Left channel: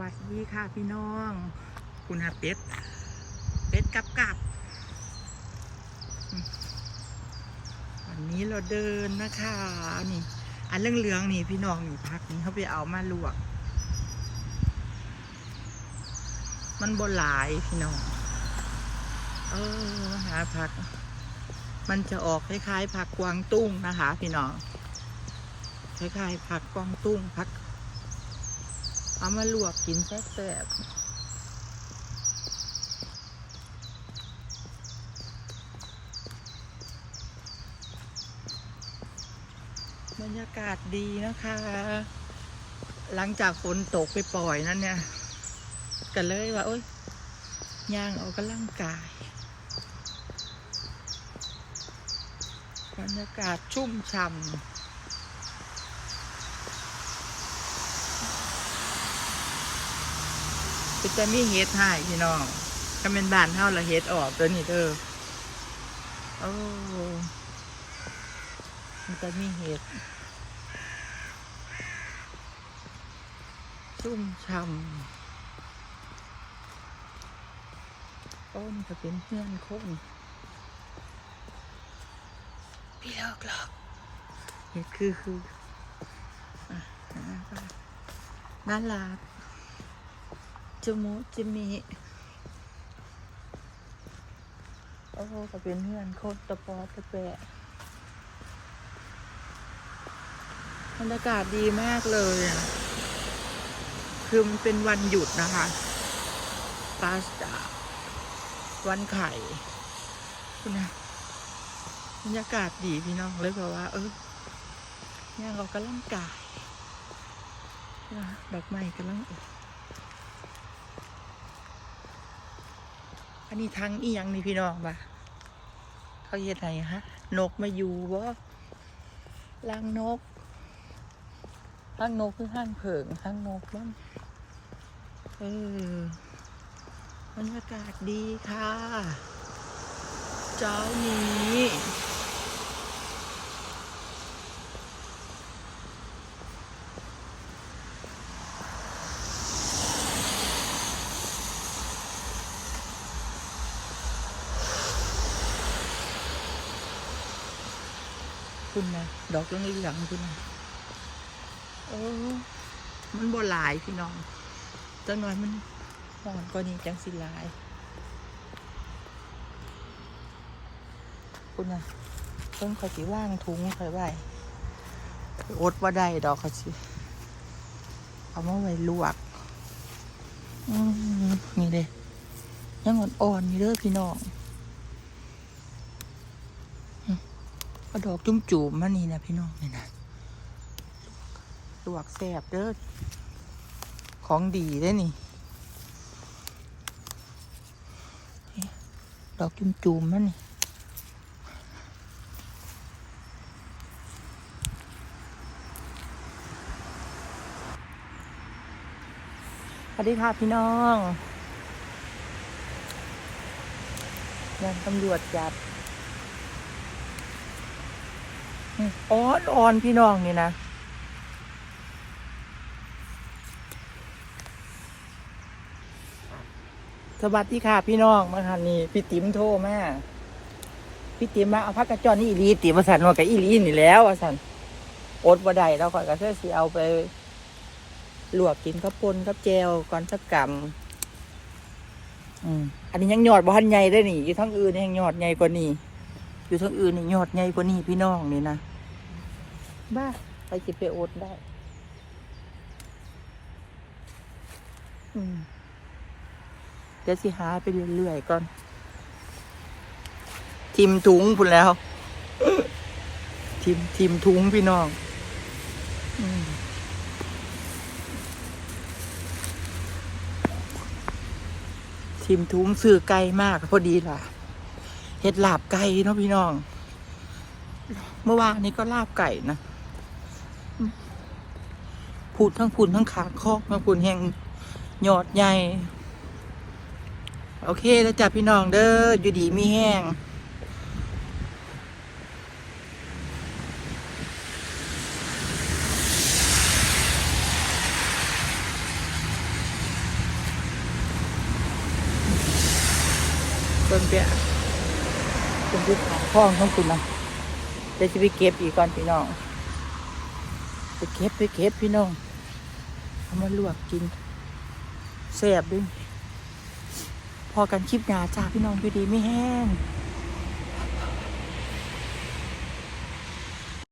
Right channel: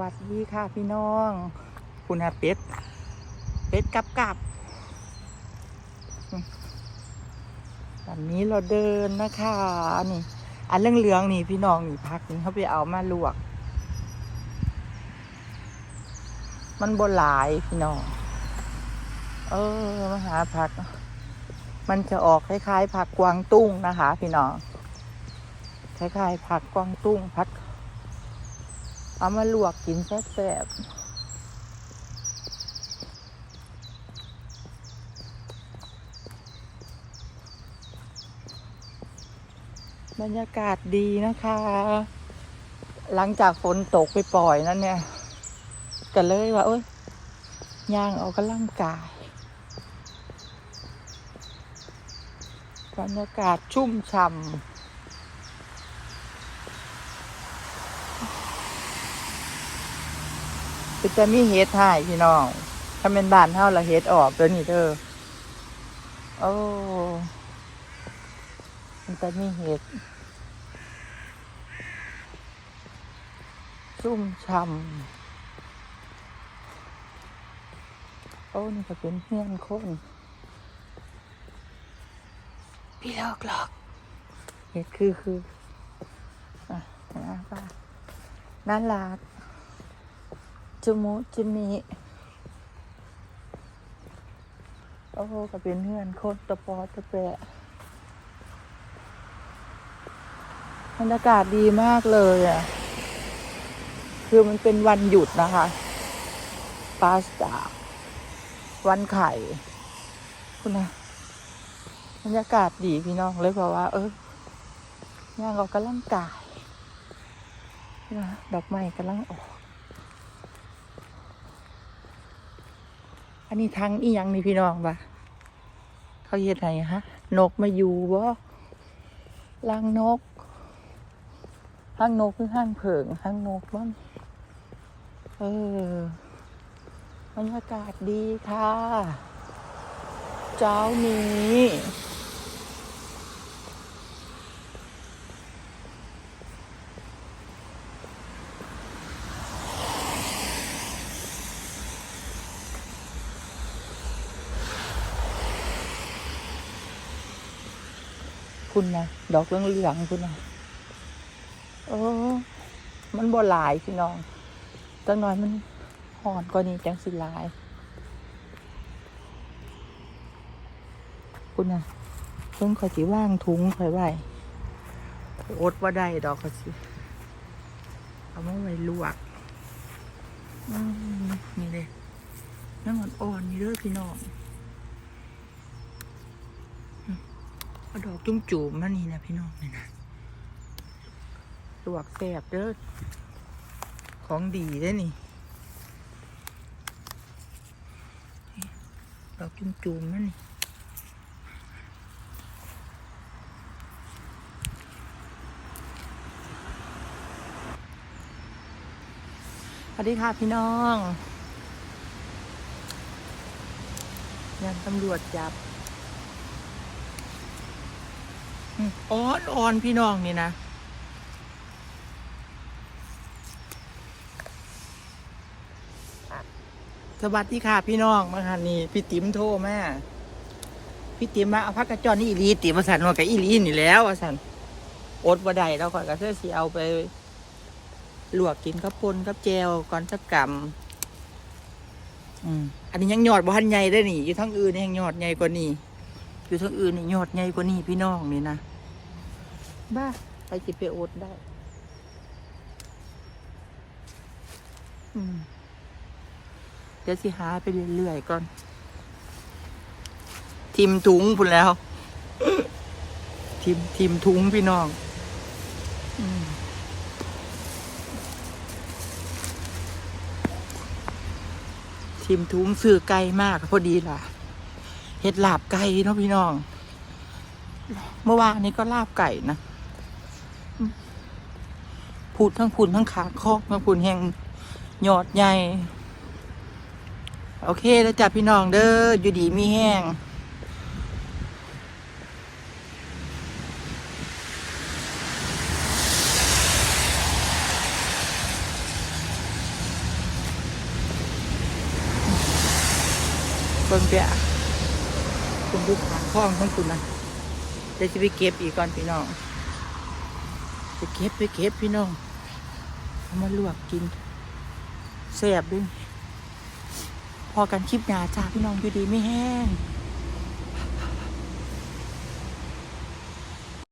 วัสดีค่ะพี่น้อง คุณอาเป็ด เป็ดกับกับอืมวันนี้เราเดินนะคะนี่อันเรื่องเหลืองๆนี่พี่น้องนี่พักนี่เขาไปเอามาลวก มันบนหลายพี่น้อง เออมาหาผัก มันจะออกคล้ายๆผักกวางตุ้งนะคะ พี่น้อง คล้ายๆผักกวางตุ้งผัก เอามาลวกกินแซ่บๆบรรยากาศดีนะคะ หลังจากฝนตกไปปล่อยนั่นเนี่ยก็เลยว่า เอ้ยย่างออกกำลังกายบรรยากาศชุ่มฉ่ำ คือจะมีเฮ็ดให้พี่น้องถ้าเป็นบ้านเฮาละเฮ็ดออกตัวนี้เด้อโอ้มันจะมีเฮ็ดชุ่มช่ำโอ้นี่ก็เป็นเพื่อนคนพี่ลอกหลอกเฮ็ดคือคืออะนะป้าน่ารัก จมูกจมีโอ้ก็เป็นเพื่อนโคตรตะปอตะแปะบรรยากาศดีมากเลยอะ คือมันเป็นวันหยุดนะคะปาสจาวันไข่คุณนะบรรยากาศดีพี่น้องเลยบอกว่า เออย่างออกกำลังกายดอกไม้กำลังออก อันนี้ทางอีหยังนี่พี่น้องปะเขาเฮ็ดไงฮะ นกมาอยู่วะลังนกลังนกคือห้างเผิงห้างนกบ้างเออบรรยากาศดีค่ะ เจ้านี้ คุณนะดอกเหลืองๆคุณนะเออ มันบ่หลายพี่น้องจังน้อยมันห่อนกว่านี้จังสิหลาย คุณนะต้องคอยสิว่างทุงใส่ไว้อดว่าได้ดอกเขาสิเอามาไว้ลวกอืมนี่เลยยังอ่อนๆนี่เด้อพี่น้อง ก็ดอกจุ่มจุ่มๆมันนี่นะพี่น้องนี่นะลวกแสบเด้อของดีเด้นี่ ดอกจุ่มจุ่มๆมันนี่สวัสดีค่ะพี่น้องยันตำรวจจับ อ่อนอ่อนพี่น้องนี่นะสวัสดีค่ะพี่น้องมาคันนี้พี่ติ๋มโทรแม่พี่ติ๋มมาเอาพักกระจอนนี่อีลีติมาสันว่ากับอีลีนี่แล้วว่าสันอดบ่ได้แล้วข่อยก็เชื่อสิเอาไปลวกกินกับปนกับแจวก่อนสักกำอืมอันนี้ยังหยอดบ่ทันใหญ่ได้อนี่อยู่ทั้งอื่นยังหยอดใหญ่กว่านี้อยู่ทั้งอื่นนี่ยอดใหญ่กว่านี้พี่น้องนี่นะ บ้าไปจิไปโอดได้ อืม เดี๋ยวสิหาไปเรื่อยๆก่อน ทิมถุงพุ่นแล้ว ทิมทิมถุงพี่น้อง อืมทิมถุงซื้อไก่มากพอดีล่ะ เห็ดลาบไก่เนาะพี่น้อง เมื่อวานนี้ก็ลาบไก่นะ พูดทั้งพูนทั้งขาคอกทั้งพูนแห่งหยอดใหญ่ โอเคแล้วจับพี่น้องเด้ออยู่ดีมีแห้งเบิ่งเปียคุณที่ขาคข้อกทั้งคุณนะเดี๋ยวจะไปเก็บอีกก่อนพี่น้อง ไปเก็บไปเก็บพี่น้อง เอามาลวกกินแสบด้วยพอกันคลิปหนาจ้าพี่น้องอยู่ดีไม่แห้ง